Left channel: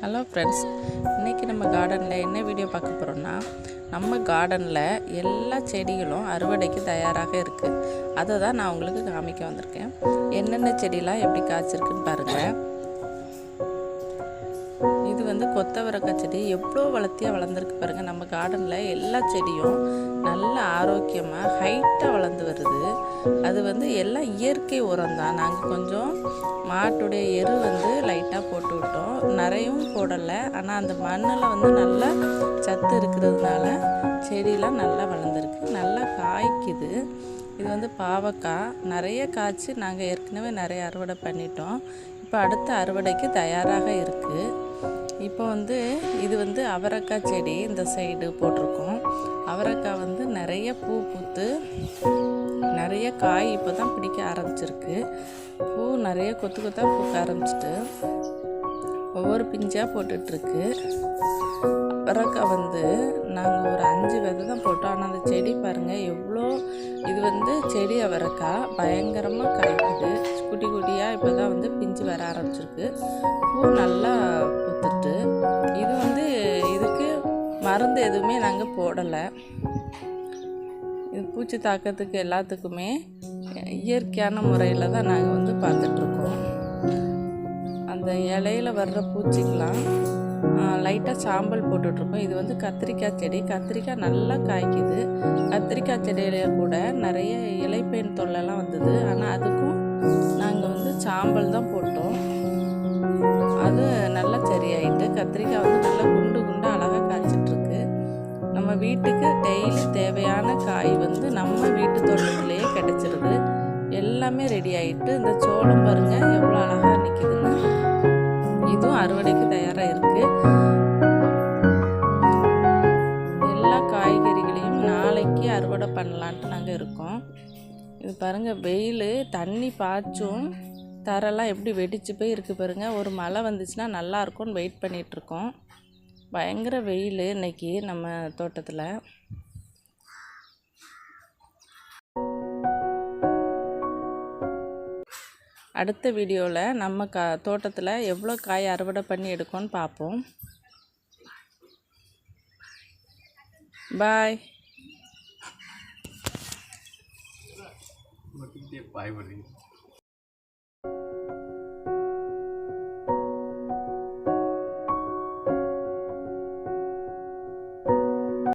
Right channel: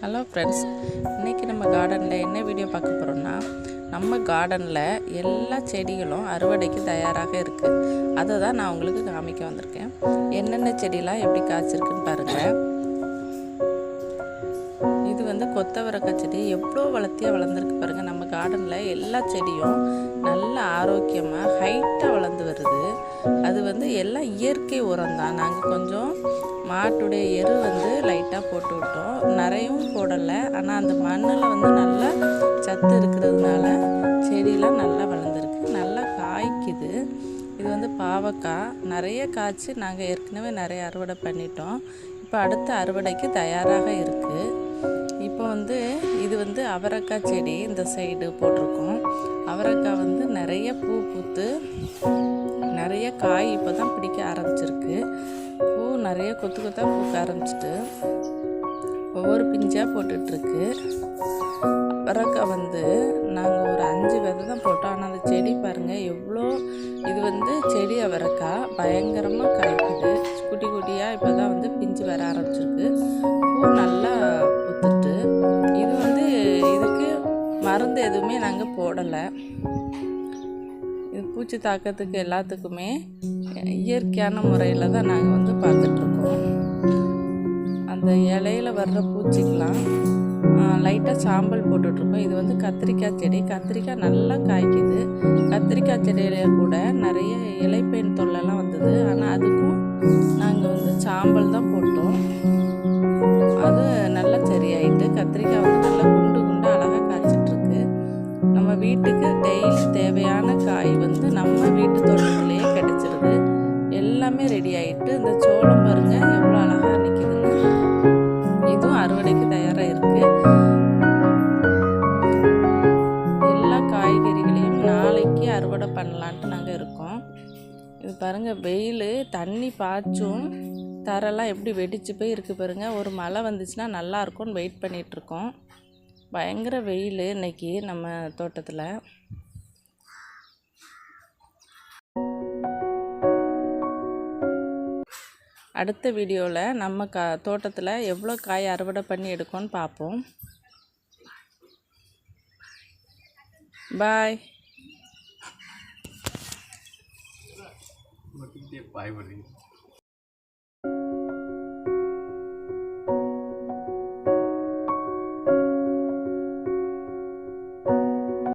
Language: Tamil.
ஹலோ ஃப்ரெண்ட்ஸ், இன்றைக்கி நம்ம கார்டனில் என்ன வீடியோ பார்க்க போகிறோன்னா, நம்ம கார்டனில் எல்லா செடிகளும் அறுவடைக்கு தயாராக இருக்குது. அதை தான் நான் உங்களுக்கு காமிக்க வந்திருக்கேன். என்னென்ன செடிலாம் எப்படி காய்ச்சிருக்குன்னு பாருங்கள். இது வந்து கொத்தவரக்காய் செடி எவ்வளோ வளர்த்தியாக வளர்ந்துருக்கு பாருங்கள். நம்ம கார்டனில் எல்லா செடியும் நல்ல ஆரோக்கியமாக ஹைட்டாக வளர்ந்து வருது. அது வந்து எல்லாம் இயற்கை உரம் தான். நாங்கள் கொஞ்சம் மாட்டுடைய எரு வந்து லைட்டாக போட்டு விட்டோம், நிறையும் போடலை. ஆனால் அந்த மண்ணில் வந்து நல்லா சத்து இருக்கிறதுனால செடியெலாம் நல்லா வளர்ந்துருக்கு, நல்லா காய்க்குது. இது வந்து பாவக்காய் நிறைய காய்ச்சி நாங்கள் ஏற்கனவே நிறைய அறுவடை பண்ணிட்டோம். இப்போ அடுத்த அறுவடைக்கு தயாராக இருக்குது. இப்போ வந்து இது வந்து அவரைக்காய் செடி இந்த சைடு போட்டிருக்கோம். அவரைக்காய் வந்து நிறைய பூ பூத்து நிறைய காய் இப்போ தான் பிடிக்க ஆரம்பிச்சிருக்கு. பூ நிறைய கொத்து கொத்தாக பூக்க ஆரம்பிச்சிட்டு ஒவ்வொரு பிஞ்சாக போட்டுட்ருக்கு. அவரைக்காய் வந்து நாங்கள் ஒரு 5 விதை தான் போட்டோம். ஆனால் அந்த செடி பாருங்கள் எவ்வளோ, இது வந்து செடி அவரைக்காய் பயங்கரமாக காய்க்குது. குட்டி குட்டியாக இப்போ தான் வந்து பிஞ்சு வர ஆரம்பிச்சிருக்கு. பூ நல்லா பூத்துட்டு, இது வந்து இதுக்கு மருந்து எதுவுமே நாங்கள் போடலை. இது பூச்சி தாக்கத்துக்கு எல்லாத்துக்குமே இயற்கையான முறையில் தான் நாங்கள் வந்து பார்த்துட்ருக்கோம். அந்த இலையில வர்ற பூச்சிக்கெலாம் லைட்டாக சாம்பல் போட்டுட்ருக்கோம். இது வந்து கத்திரிக்காய் செடி. கத்திரிக்காய் நல்லா காய்க்குது. கத்திரிக்காய் செடியில கூட நிறைய இலைப்பேன் தொல்லைலாம் வந்தது. ஆனால் அதுக்கும் நாங்கள் வந்து சாம்பல் தான் போட்டோம். அது நல்லா சரியாயிட்டு கத்திரிக்காய் வந்து நல்லா குண்டு குண்டு அழகாக காய்ச்சிட்ருக்கு. நம்ம வீட்டுக்கு டெய்லி தேவையான காய் வந்து நம்ம வீட்டு தோட்டத்துலேயே கிடச்சிருது. எல்லாமே ரெடி ஆகிட்டு, இந்த சோளம் பாருங்கள் எவ்வளோ அழகாக நிற்கிதுன்னு. இதுவும் அறுவடைக்கு தயாராக இருக்குது. எல்லா காய்கறிகளையும் நாளைக்கு அறுவடை பண்ணலான்ட்டு நாங்கள் இருக்கோம். இது பாருங்கள், வெயில் தண்ணி பாய்ச்சும் தரெல்லாம் எப்படி வெடிச்சு போய் இருக்குது பாருங்கள். ஒரு மழை வந்துச்சுன்னா நல்லாயிருக்கும்னு வெயிட் பண்ணிகிட்ருக்கோம். பயங்கர வெயில் இன்னைக்கு நம்ம தோட்டத்தில். அடுத்த வீடியோவில் நம்ம தோட்டத்தில் எவ்வளோ காய் அறுவடை பண்ணி எடுக்கோன்னு பார்ப்போம். பாய்.